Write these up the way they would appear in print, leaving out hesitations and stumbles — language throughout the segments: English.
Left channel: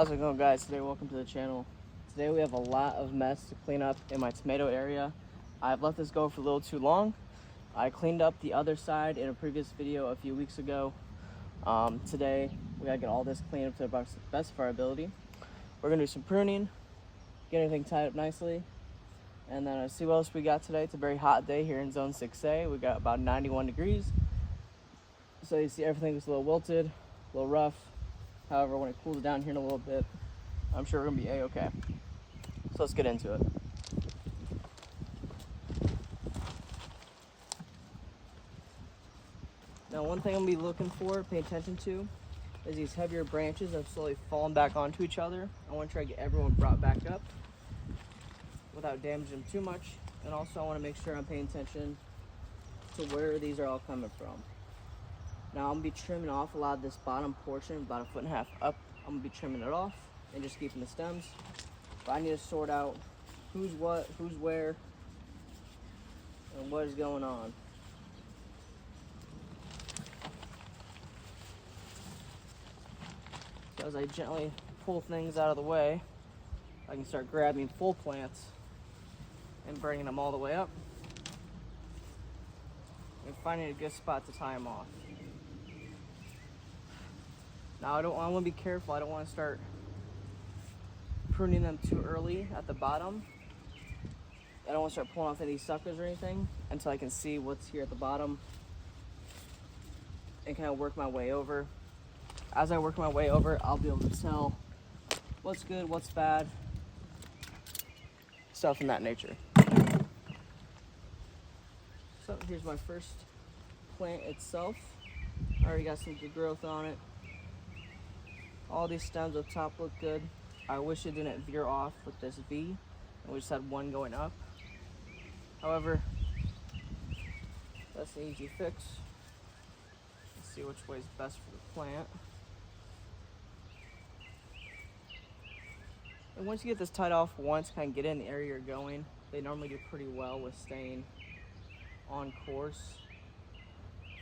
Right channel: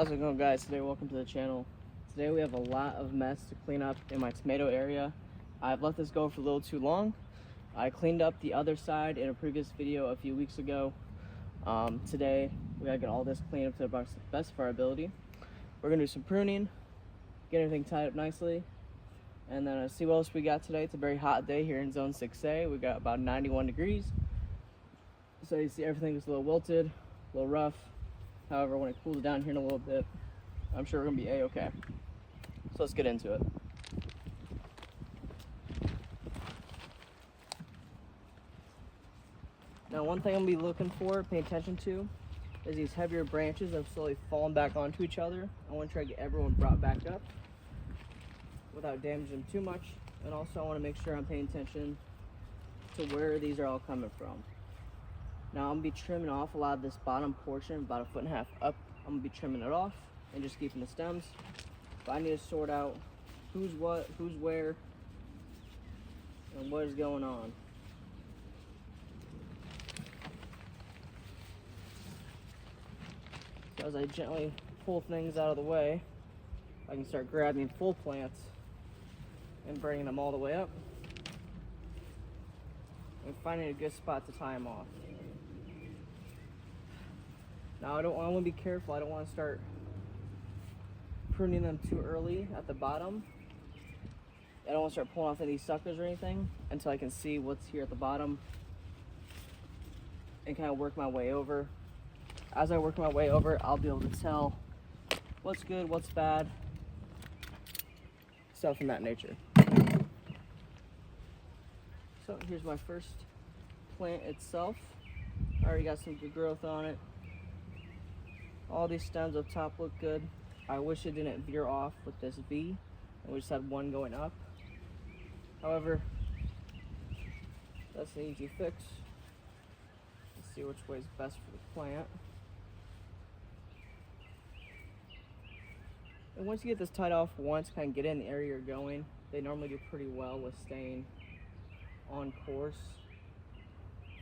How's it going, guys? Today, welcome to the channel. Today we have a lot of mess to clean up in my tomato area. I've let this go for a little too long. I cleaned up the other side in a previous video a few weeks ago. Today we gotta get all this cleaned up to the best of our ability. We're gonna do some pruning, get everything tied up nicely, and then see what else we got today. It's a very hot day here in Zone 6A. We got about 91 degrees. So you see everything is a little wilted, a little rough. However, when it cools down here in a little bit, I'm sure we're gonna be a-okay. So let's get into it. Now, one thing I'm gonna be looking for, pay attention to, is these heavier branches that have slowly fallen back onto each other. I wanna try to get everyone brought back up without damaging them too much. And also I wanna make sure I'm paying attention to where these are all coming from. Now I'm gonna be trimming off a lot of this bottom portion, about 1.5 feet up. I'm gonna be trimming it off and just keeping the stems. But I need to sort out who's what, who's where, and what is going on. So as I gently pull things out of the way, I can start grabbing full plants and bringing them all the way up and finding a good spot to tie them off. Now I want to be careful. I don't want to start pruning them too early at the bottom. I don't want to start pulling off any suckers or anything until I can see what's here at the bottom and kind of work my way over. As I work my way over, I'll be able to tell what's good, what's bad, stuff in that nature. So here's my first plant itself. I already got some good growth on it. All these stems up top look good. I wish it didn't veer off with this V and we just had one going up. However, that's an easy fix. Let's see which way is best for the plant. And once you get this tied off once, kind of get in the area you're going, they normally do pretty well with staying on course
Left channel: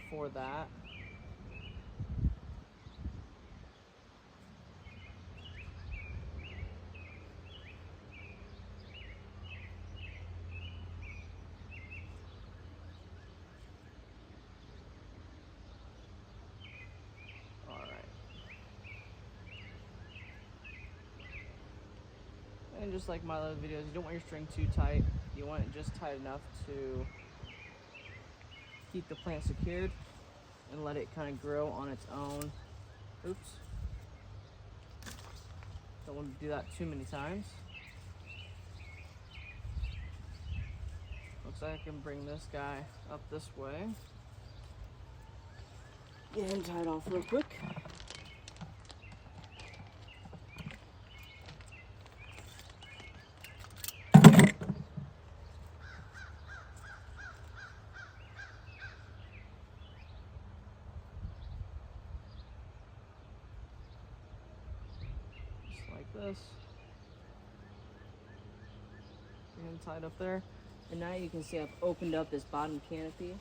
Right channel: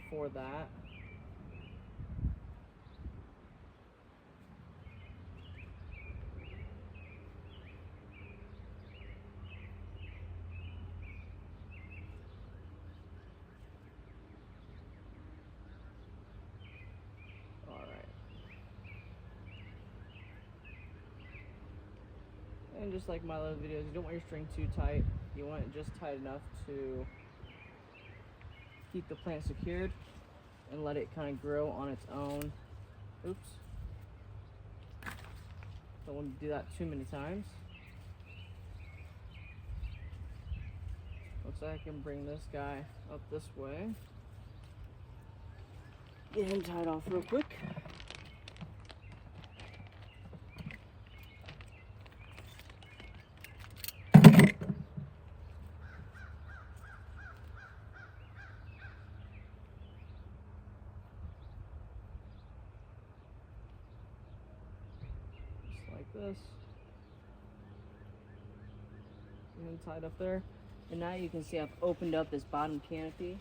for that. And just like my other videos, you don't want your string too tight. You want it just tight enough to keep the plant secured and let it kind of grow on its own. Oops. Don't want to do that too many times. Looks like I can bring this guy up this way. Get him tied off real quick. Like this. Get him tied up there. And now you can see I've opened up this bottom canopy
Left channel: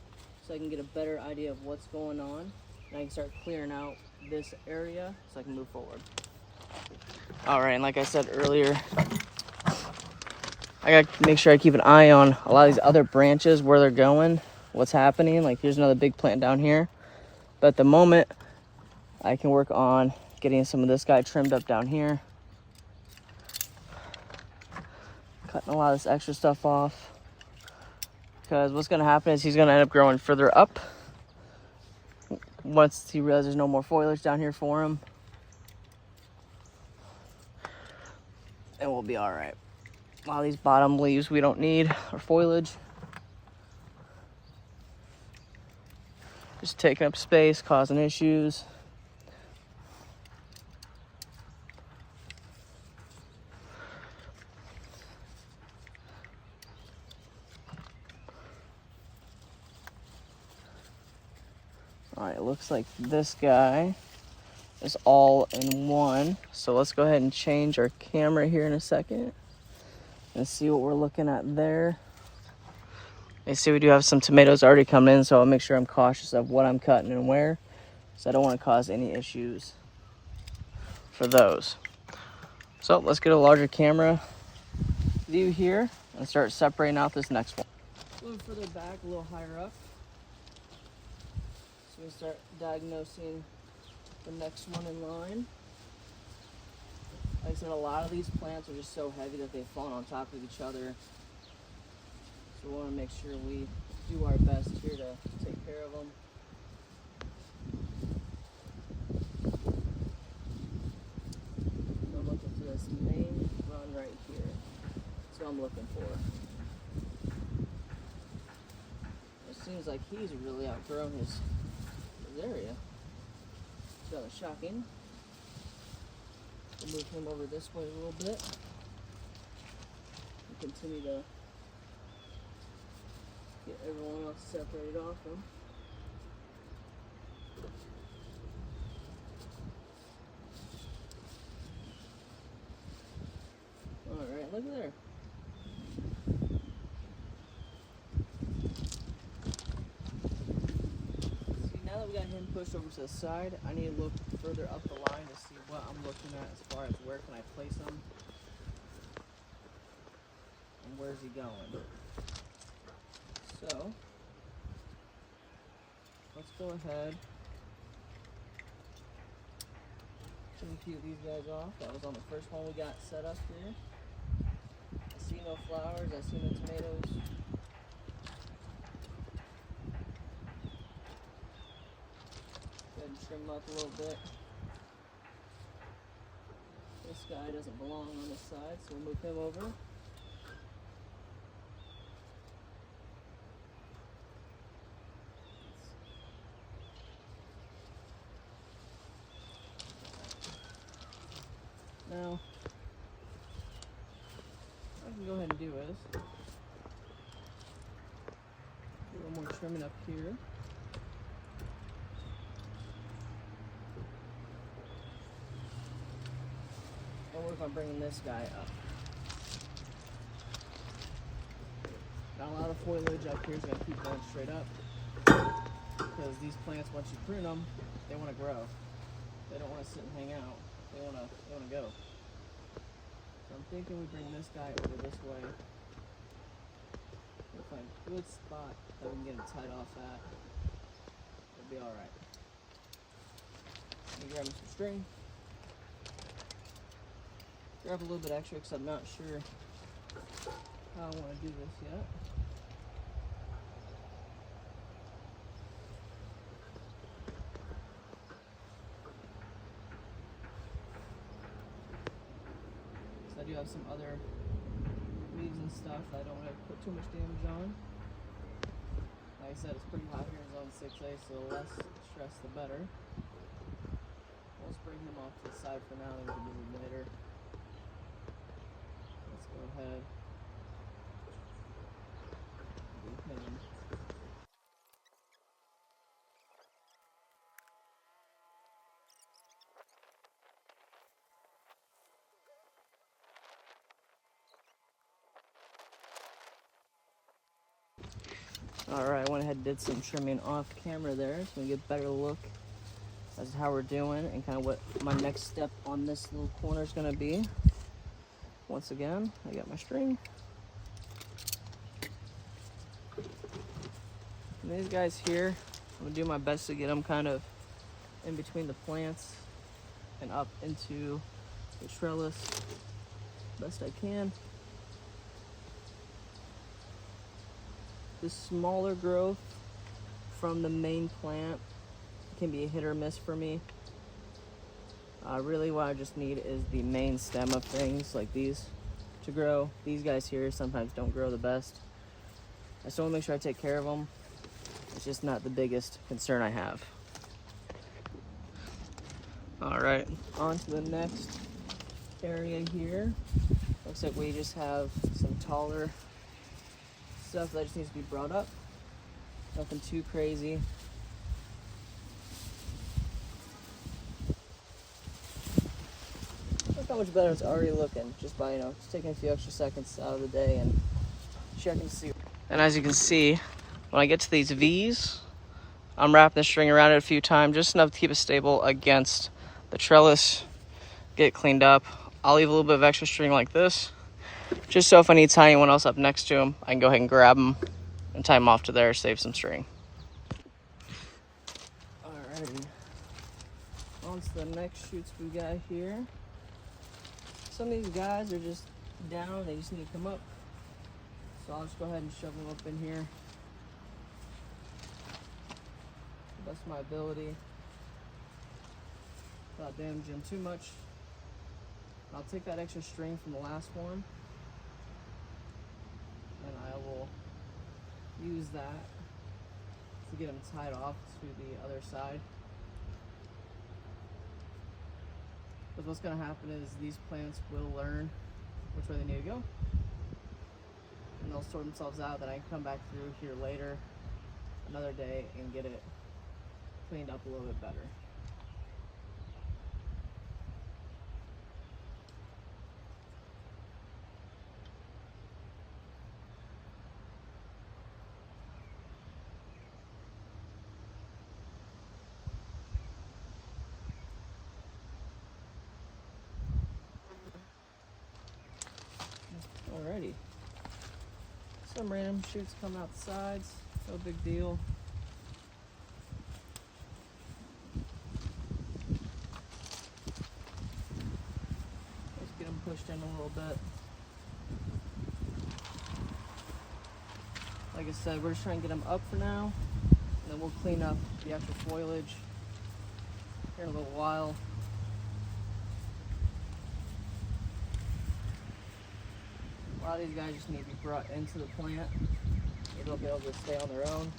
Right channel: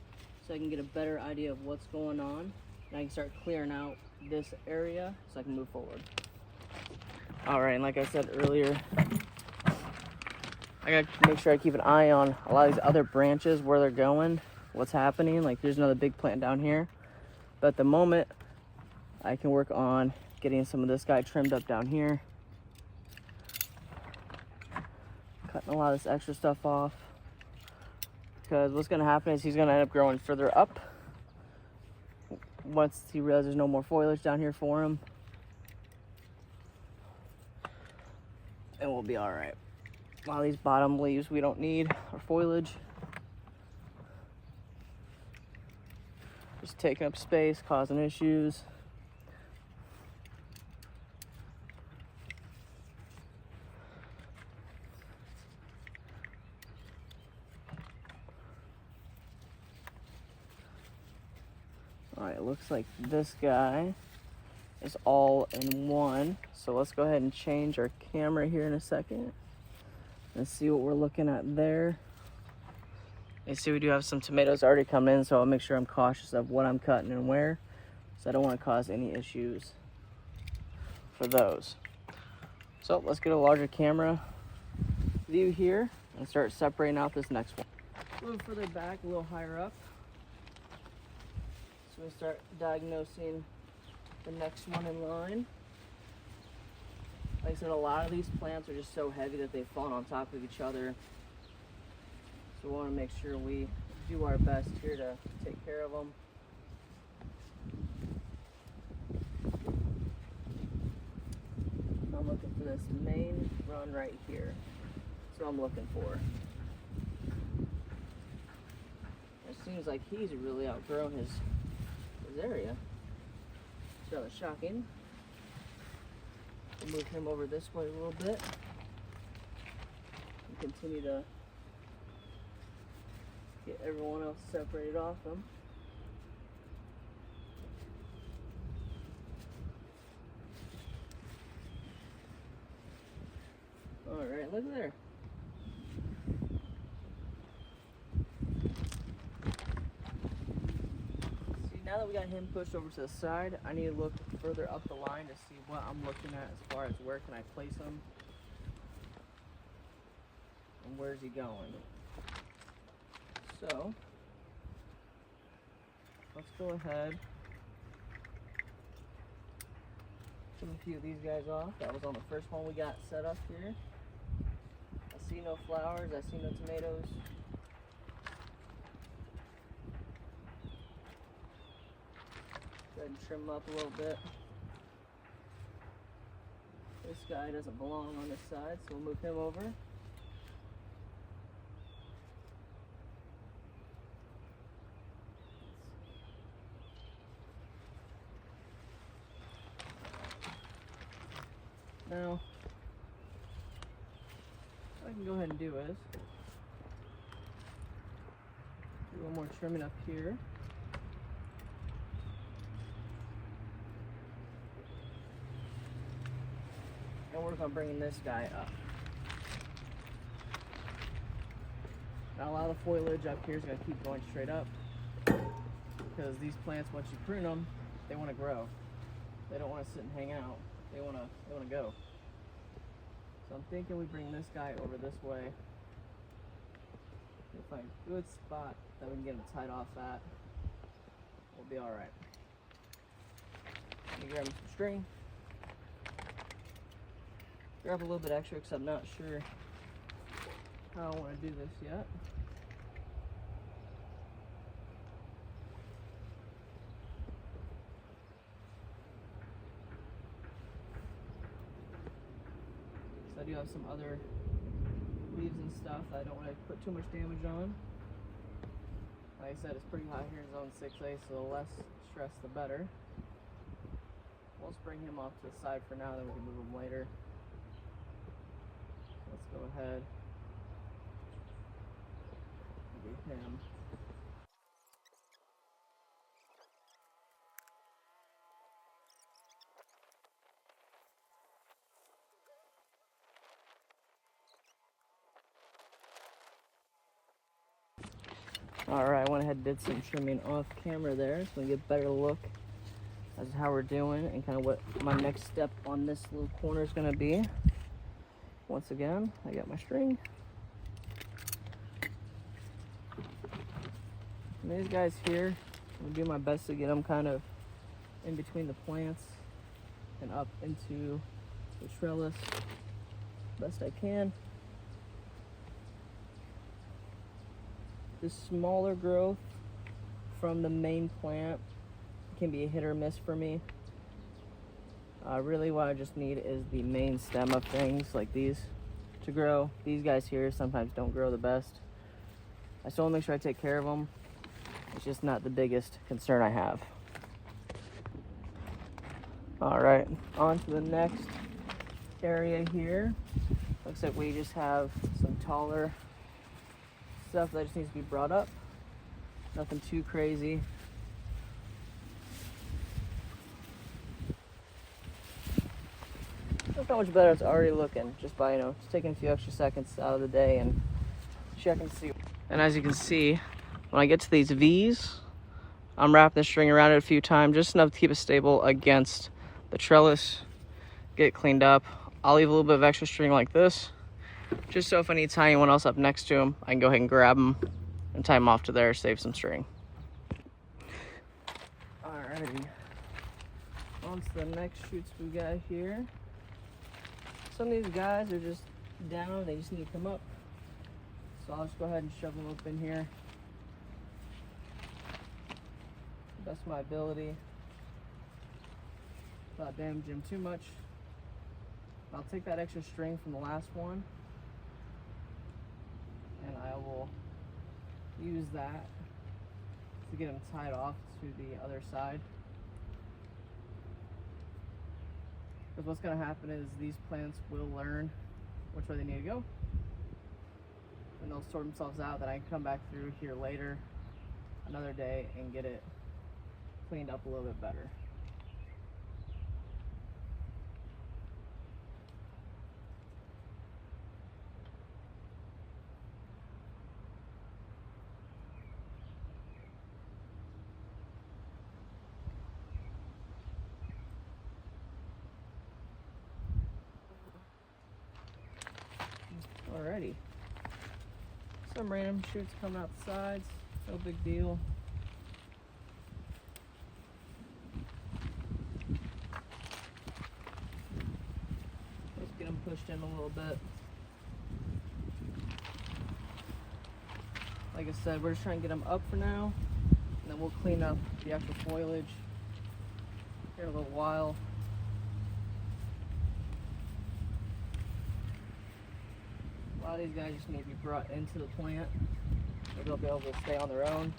so I can get a better idea of what's going on. And I can start clearing out this area so I can move forward. Alright, and like I said earlier, I gotta make sure I keep an eye on a lot of these other branches, where they're going, what's happening. Like here's another big plant down here. But at the moment, I can work on getting some of this guy trimmed up down here. Cutting a lot of this extra stuff off, because what's going to happen is he's going to end up growing further up once he realizes there's no more foliage down here for him, and we'll be all right. All these bottom leaves we don't need, or foliage, just taking up space, causing issues. Alright, it looks like this guy is all in one. So let's go ahead and change our camera here in a second and see what we're looking at there. You see we do have some tomatoes already coming in, so I'll make sure I'm cautious of what I'm cutting and where, so I don't want to cause any issues for those. So let's get a larger camera view here and start separating out this next one. A little further back, a little higher up. So we start diagnosing the next one in line. Like I said, a lot of these plants are just so heavy that they've fallen on top of each other. So we want to make sure we do our best here to take care of them. I'm looking for this main run right here. That's what I'm looking for. It seems like he's really outgrown his area. It's rather shocking. We'll move him over this way a little bit and continue to get everyone else separated off him. Alright, look at there. Now that we got him pushed over to the side, I need to look further up the line to see what I'm looking at as far as where can I place him and where's he going. So let's go ahead, trim a few of these guys off. That was on the first one we got set up here. I see no flowers, I see no tomatoes. Go ahead and trim them up a little bit. This guy doesn't belong on this side, so we'll move him over. Now, what I can go ahead and do is do a little more trimming up here. And work on bringing this guy up. Now a lot of foliage up here is going to keep going straight up because these plants, once you prune them, they want to grow. They don't want to sit and hang out. They want to go. So I'm thinking we bring this guy over this way. We'll find a good spot that we can get him tied off at. We'll be all right. Let me grab him some string. Grab a little bit extra because I'm not sure how I want to do this yet. So I do have some other leaves and stuff that I don't want to put too much damage on. Like I said, it's pretty hot here in zone 6A, so the less stress the better. We'll just bring him off to the side for now, then we can move him later. Let's go ahead and do him. Alright, I went ahead and did some trimming off camera there so we can get a better look as to how we're doing and kind of what my next step on this little corner is going to be. Once again, I got my string. And these guys here, I'm going to do my best to get them kind of in between the plants and up into the trellis best I can. The smaller growth from the main plant can be a hit or miss for me. Really what I just need is the main stem of things like these to grow. These guys here sometimes don't grow the best. I still want to make sure I take care of them. It's just not the biggest concern I have. All right, on to the next area here. Looks like we just have some taller stuff that just needs to be brought up. Nothing too crazy. Look how much better it's already looking just by, just taking a few extra seconds out of the day and checking to see. And as you can see, when I get to these V's, I'm wrapping the string around it a few times, just enough to keep it stable against the trellis, get it cleaned up. I'll leave a little bit of extra string like this, just so if I need to tie anyone else up next to him, I can go ahead and grab them and tie them off to there, save some string. Alrighty, on to the next shoots we got here. Some of these guys are just down, they just need to come up. So I'll just go ahead and shove them up in here. That's my ability. Without damaging them too much. I'll take that extra string from the last one and I will use that to get them tied off to the other side. Because what's going to happen is these plants will learn which way they need to go and they'll sort themselves out. Then I can come back through here later, another day, and get it cleaned up a little bit better. Alrighty, some random shoots coming out the sides, no big deal. Let's get them pushed in a little bit. Like I said, we're just trying to get them up for now, and then we'll clean up the extra foliage here in a little while. A lot of these guys just need to be brought into the plant so they'll be able to stay on their own.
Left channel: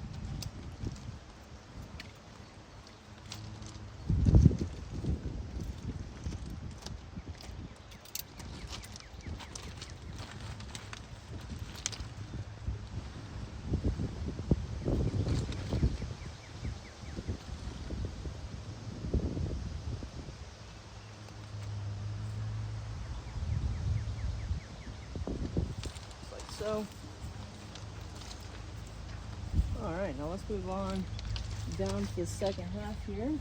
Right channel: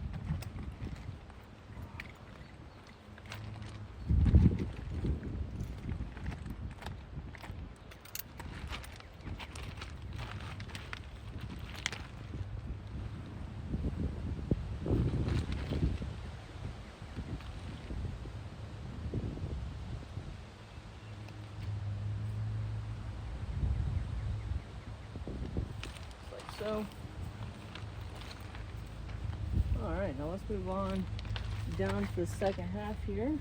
So, all right, now let's move on down to the second half here.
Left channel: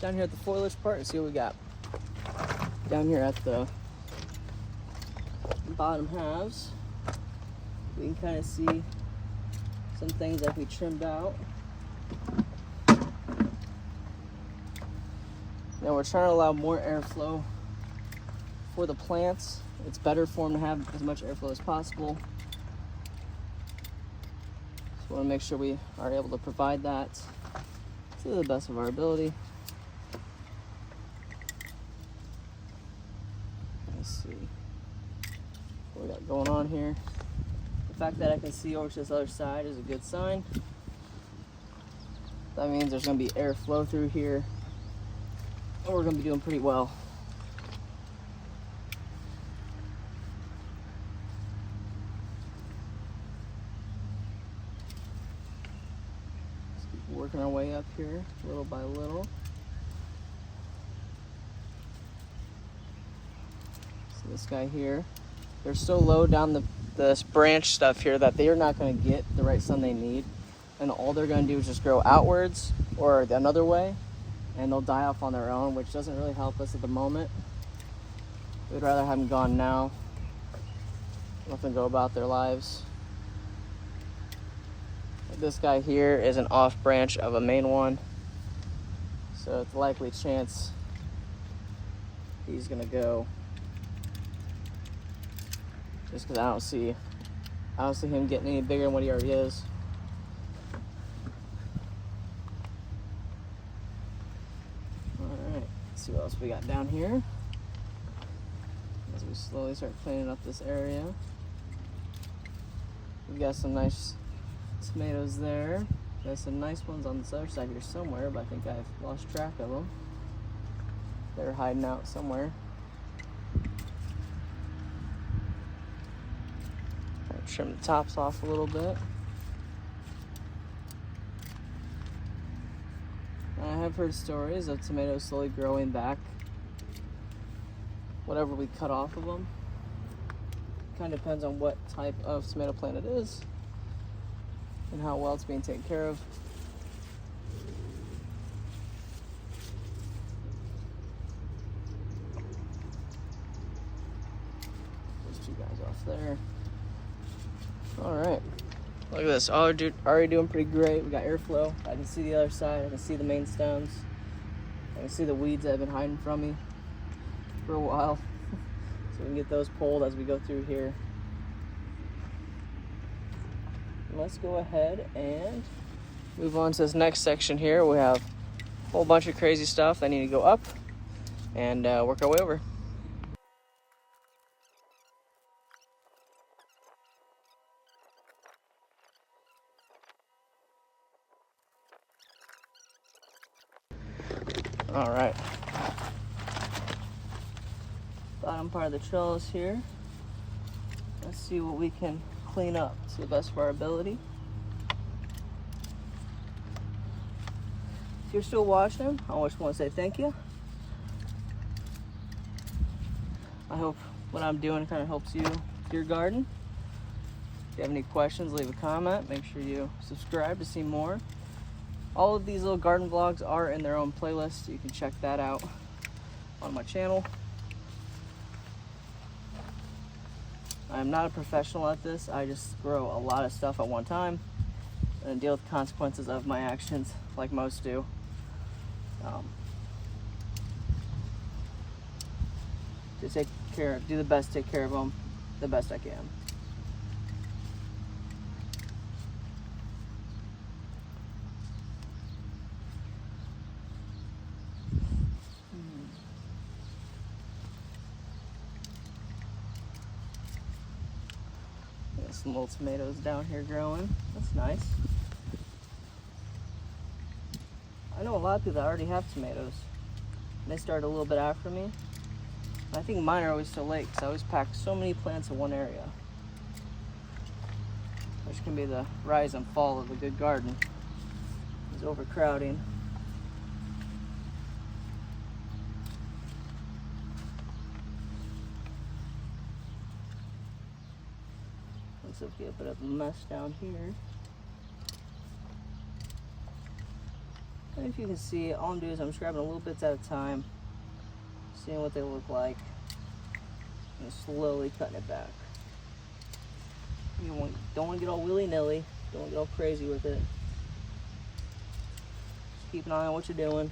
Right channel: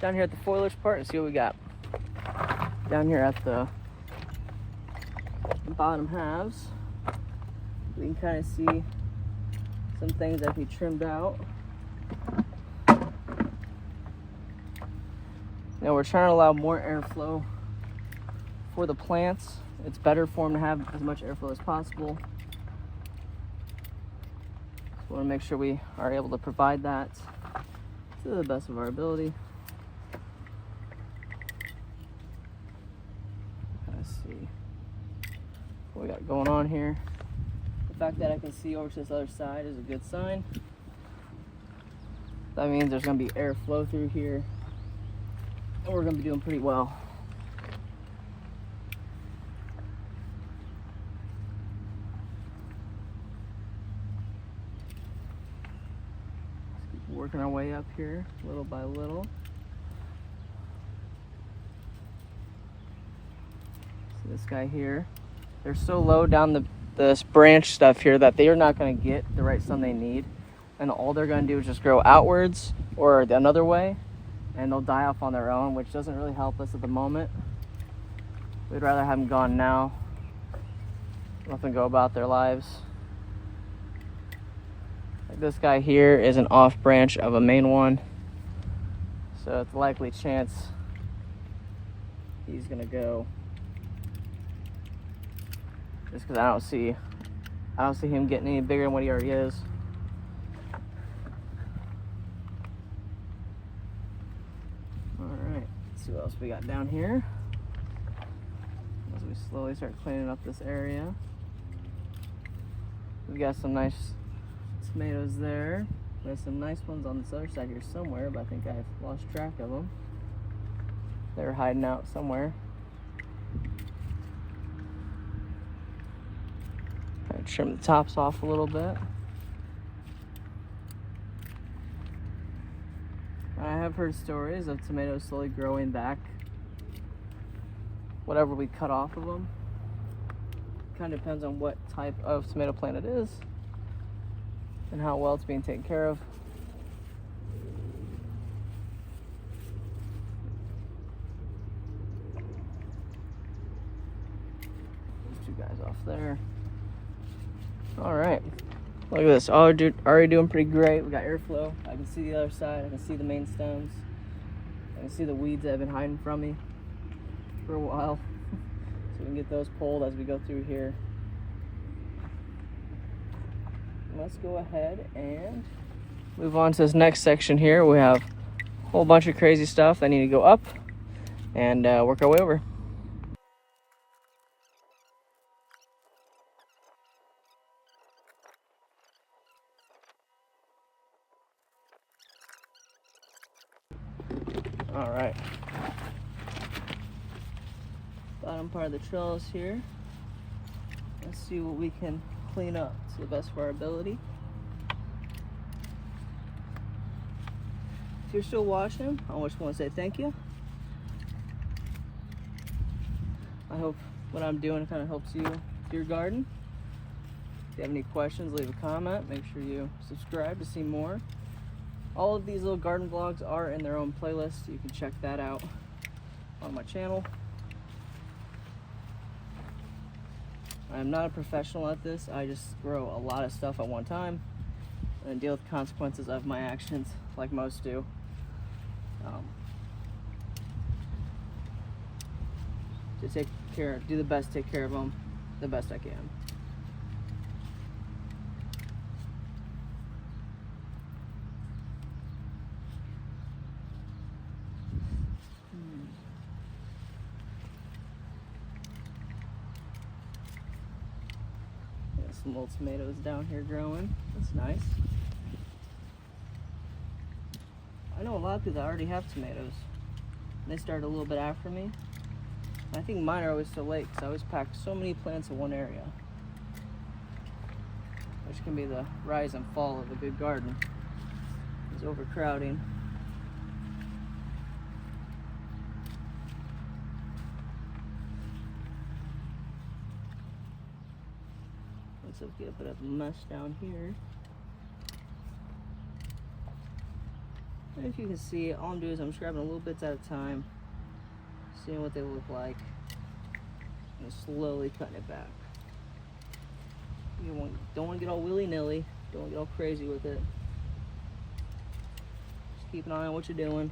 Down here at the foliage part and see what we got. Down here at the bottom halves, we can kind of see some things that we trimmed out. Now we're trying to allow more airflow for the plants. It's better for them to have as much airflow as possible. So we want to make sure we are able to provide that to the best of our ability. Let's see what we got going on here. The fact that I can see over to this other side is a good sign. That means there's going to be airflow through here, and we're going to be doing pretty well. Working our way up here little by little. So this guy here, they're so low down this branch stuff here that they are not going to get the right sun they need, and all they're going to do is just grow outwards or another way, and they'll die off on their own, which doesn't really help us at the moment. We'd rather have them gone now, let them go about their lives. This guy here is an off branch of a main one, so it's a likely chance he's gonna go, just because I don't see him getting any bigger than what he already is. All right, let's see what else we got down here as we slowly start cleaning up this area. We got some nice tomatoes there. There's some nice ones on this other side here somewhere, but I think I've lost track of them. They're hiding out somewhere. Try to trim the tops off a little bit. I have heard stories of tomatoes slowly growing back whatever we cut off of them. Kind of depends on what type of tomato plant it is and how well it's being taken care of. two guys off there. All right. Look at this. Already doing pretty great. We got airflow. I can see the other side. I can see the main stems. I can see the weeds that have been hiding from me for a while. So we can get those pulled as we go through here. Let's go ahead and move on to this next section here. We have a whole bunch of crazy stuff that need to go up and work our way over. All right. Bottom part of the trellis here. Let's see what we can clean up to the best of our ability. If you're still watching, I just want to say thank you. I hope what I'm doing kind of helps you with your garden. If you have any questions, leave a comment. Make sure you subscribe to see more. All of these little garden vlogs are in their own playlist. You can check that out on my channel. I'm not a professional at this. I just grow a lot of stuff at one time and deal with the consequences of my actions like most do. To take care, do the best, take care of them the best I can. Some little tomatoes down here growing. That's nice. I know a lot of people that already have tomatoes. They start a little bit after me. I think mine are always so late because I always pack so many plants in one area. Which can be the rise and fall of a good garden. It's overcrowding. Looks like a bit of a mess down here. And if you can see, all I'm doing is I'm just grabbing little bits at a time, seeing what they look like, and slowly cutting it back. You don't want to get all willy-nilly, don't want to get all crazy with it. Just keep an eye on what you're doing.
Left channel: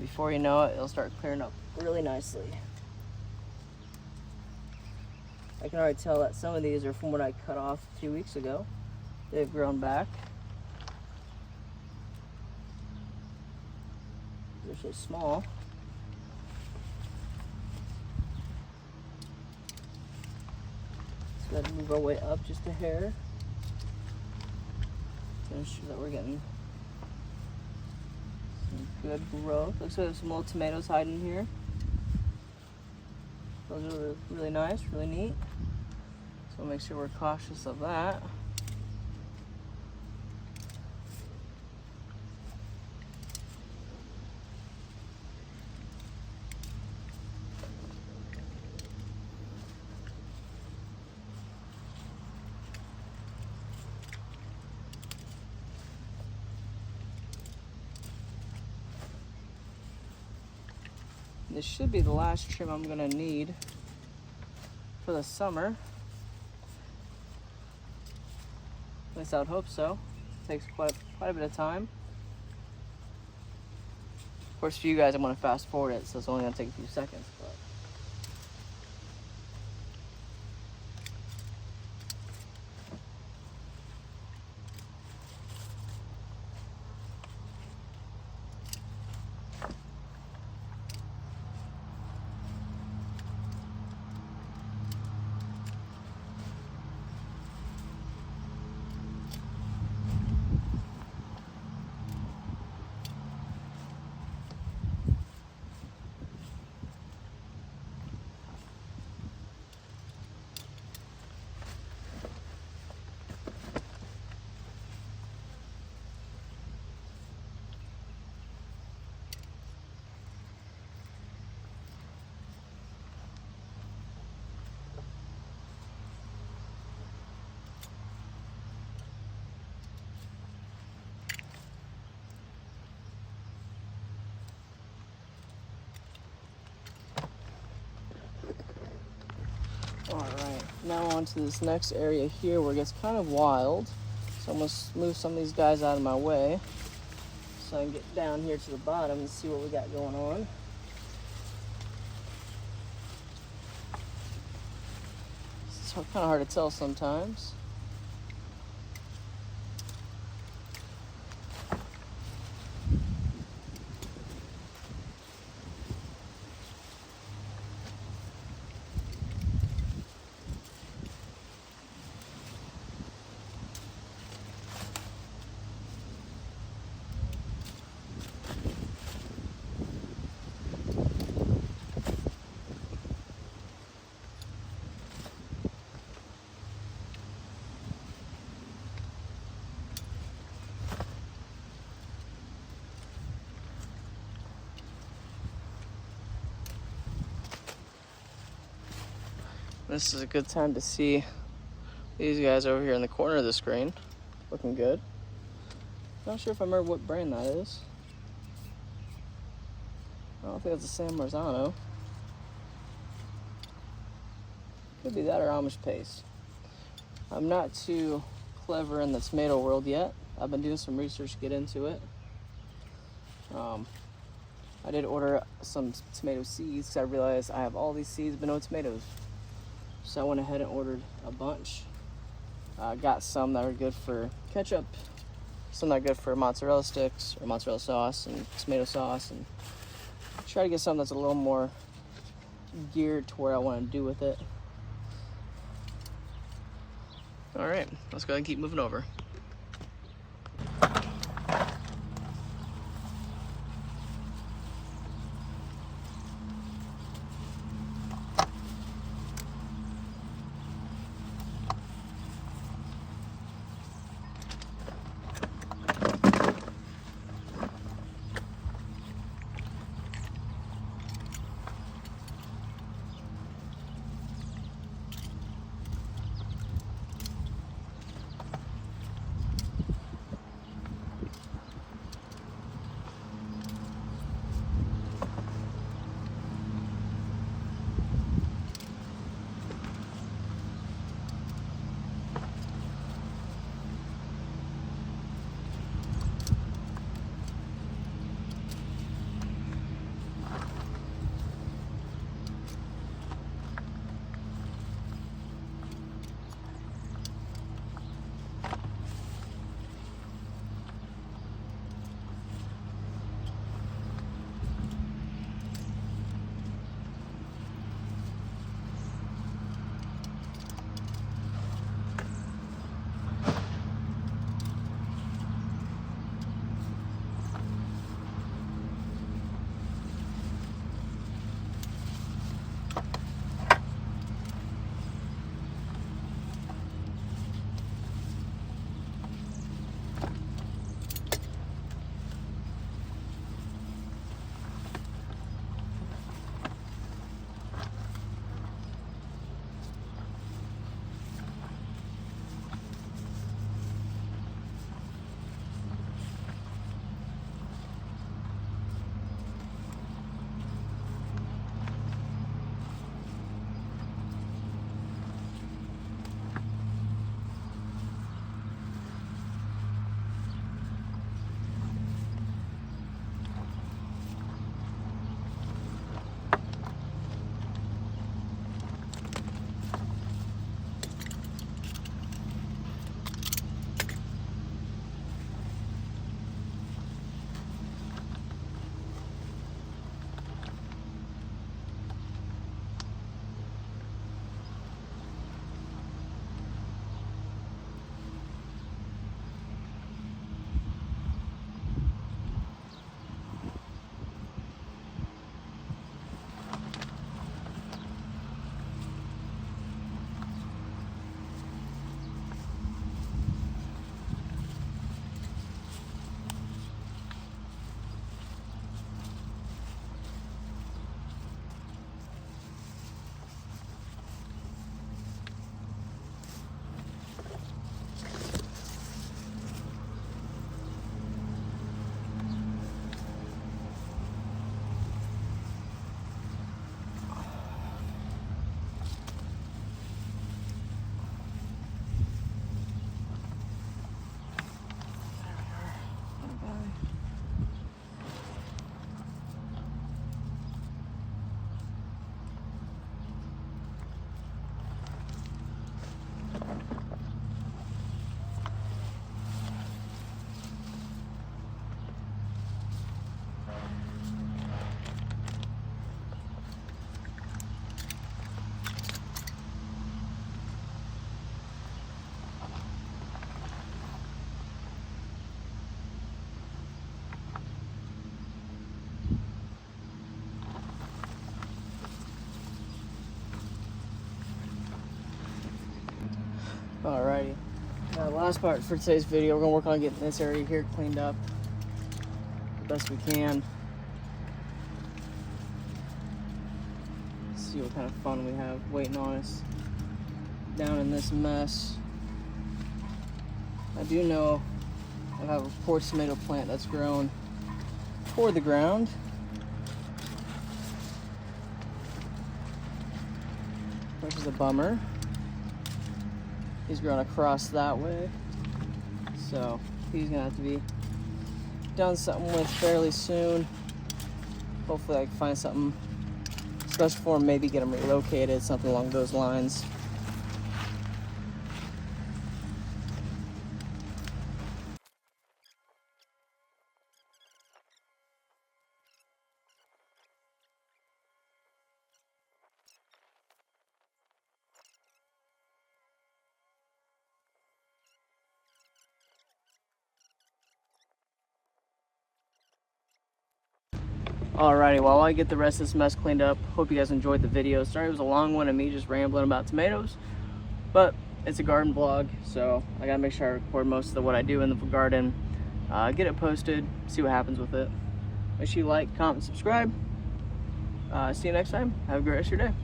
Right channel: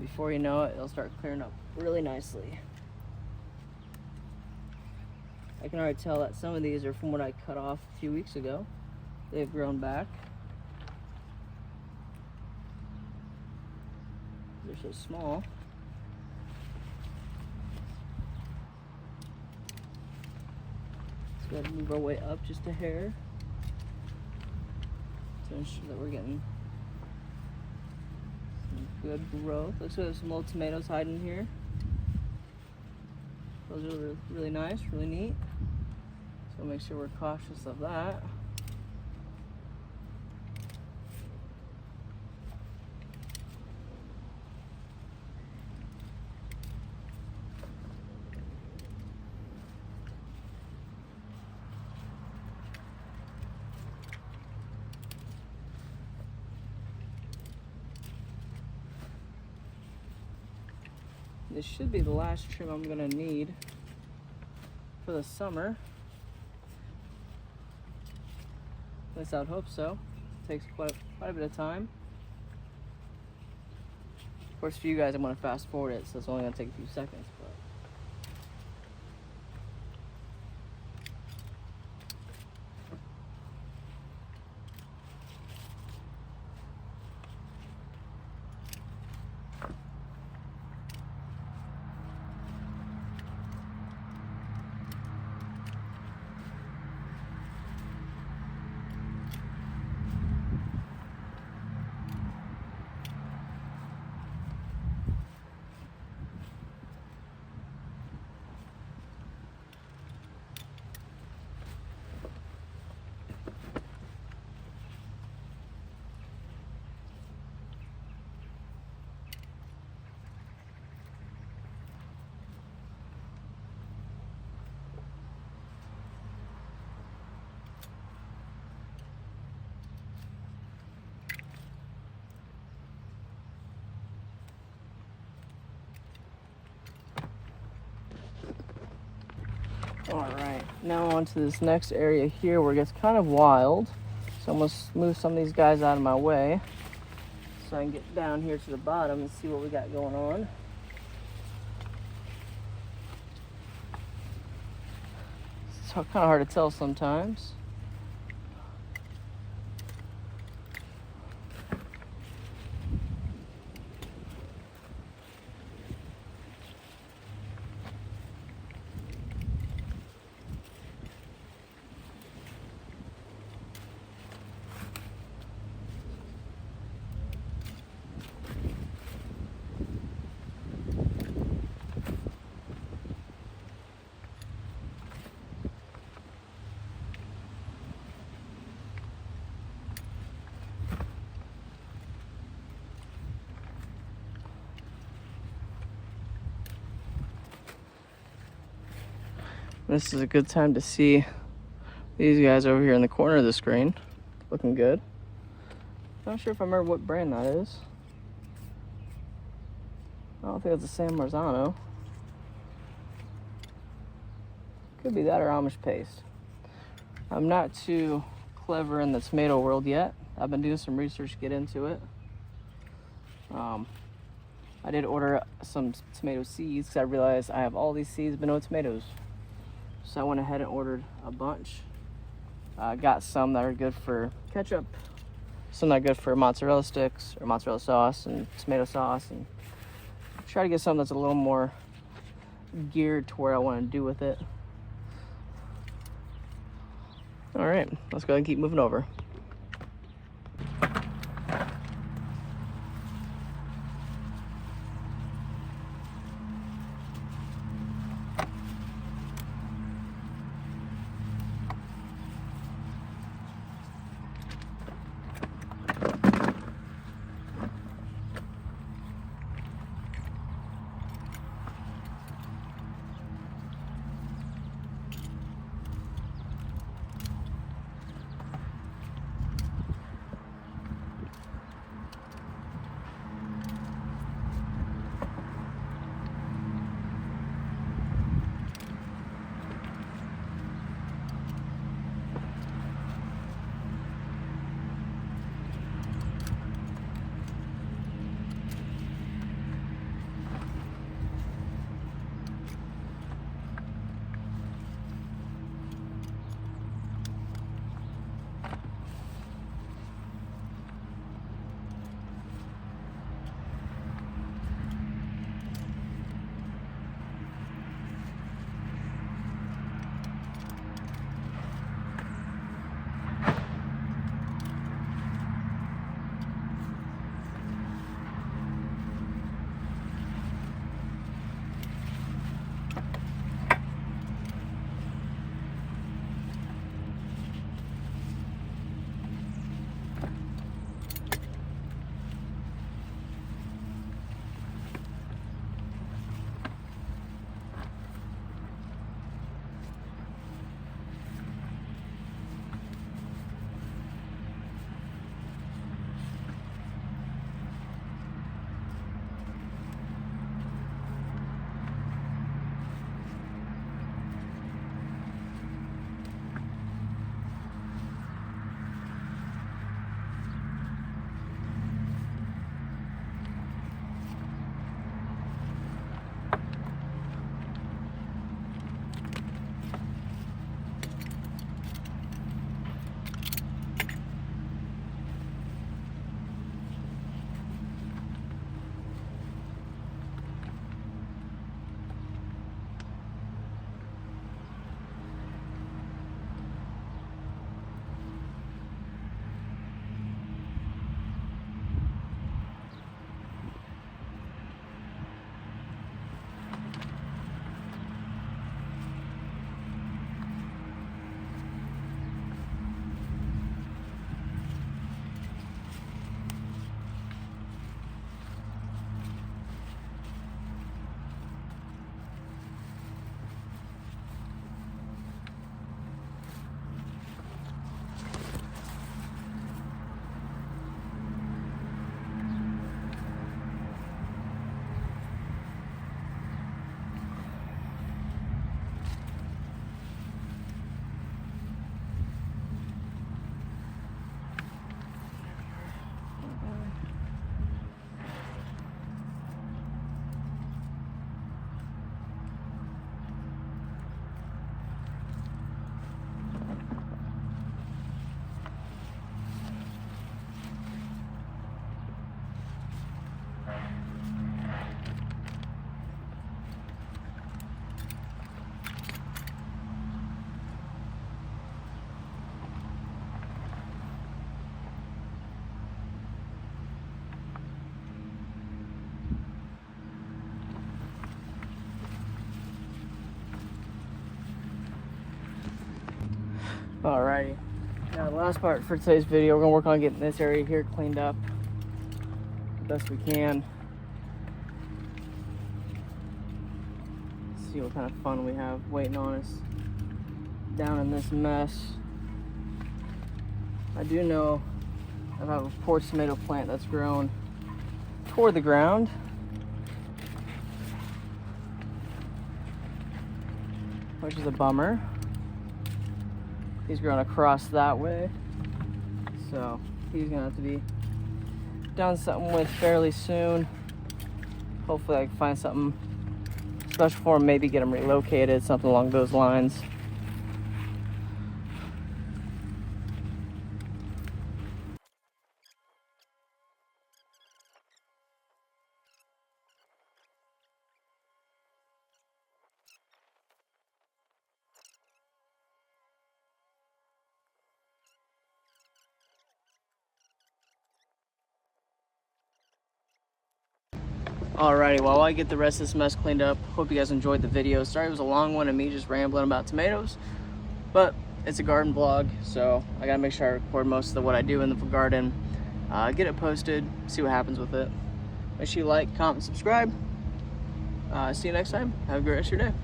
Before you know it, it'll start clearing up really nicely. I can already tell that some of these are from what I cut off a few weeks ago. They've grown back. They're so small. Let's go ahead and move our way up just a hair to ensure that we're getting some good growth. Looks like we have some little tomatoes hiding here. Those are really nice, really neat. So make sure we're cautious of that. This should be the last trim I'm gonna need for the summer. At least I would hope so. It takes quite a bit of time. Of course, for you guys, I'm gonna fast forward it, so it's only gonna take a few seconds. But Now onto this next area here where it gets kind of wild. So I'm gonna move some of these guys out of my way so I can get down here to the bottom and see what we got going on. It's kind of hard to tell sometimes. This is a good time to see these guys over here in the corner of the screen. Looking good. Not sure if I remember what brand that is. I don't think it's the San Marzano. Could be that or Amish paste. I'm not too clever in the tomato world yet. I've been doing some research to get into it. I did order some tomato seeds because I realized I have all these seeds but no tomatoes. So I went ahead and ordered a bunch. Got some that are good for ketchup, some that are good for mozzarella sticks or mozzarella sauce and tomato sauce, and try to get something that's a little more geared to where I want to do with it. All right, let's go ahead and keep moving over. Last part for today's video, we're gonna work on getting this area here cleaned up the best we can. See what kind of fun we have waiting on us down in this mess. I do know I have a poor tomato plant that's grown toward the ground. Which is a bummer. He's grown across that way. So he's gonna have to be done something with fairly soon. Hopefully I can find something special for him, maybe get him relocated, something along those lines. Alrighty, while I get the rest of this mess cleaned up, hope you guys enjoyed the video. Sorry it was a long one of me just rambling about tomatoes, but it's a garden vlog, so I gotta make sure I record most of what I do in the garden, get it posted, see what happens with it. Make sure you like, comment, subscribe. See you next time. Have a great rest of your day.